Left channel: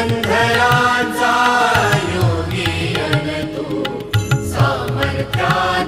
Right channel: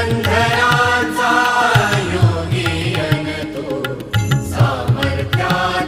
युगंधरांचा योगी अन सामर्थ्या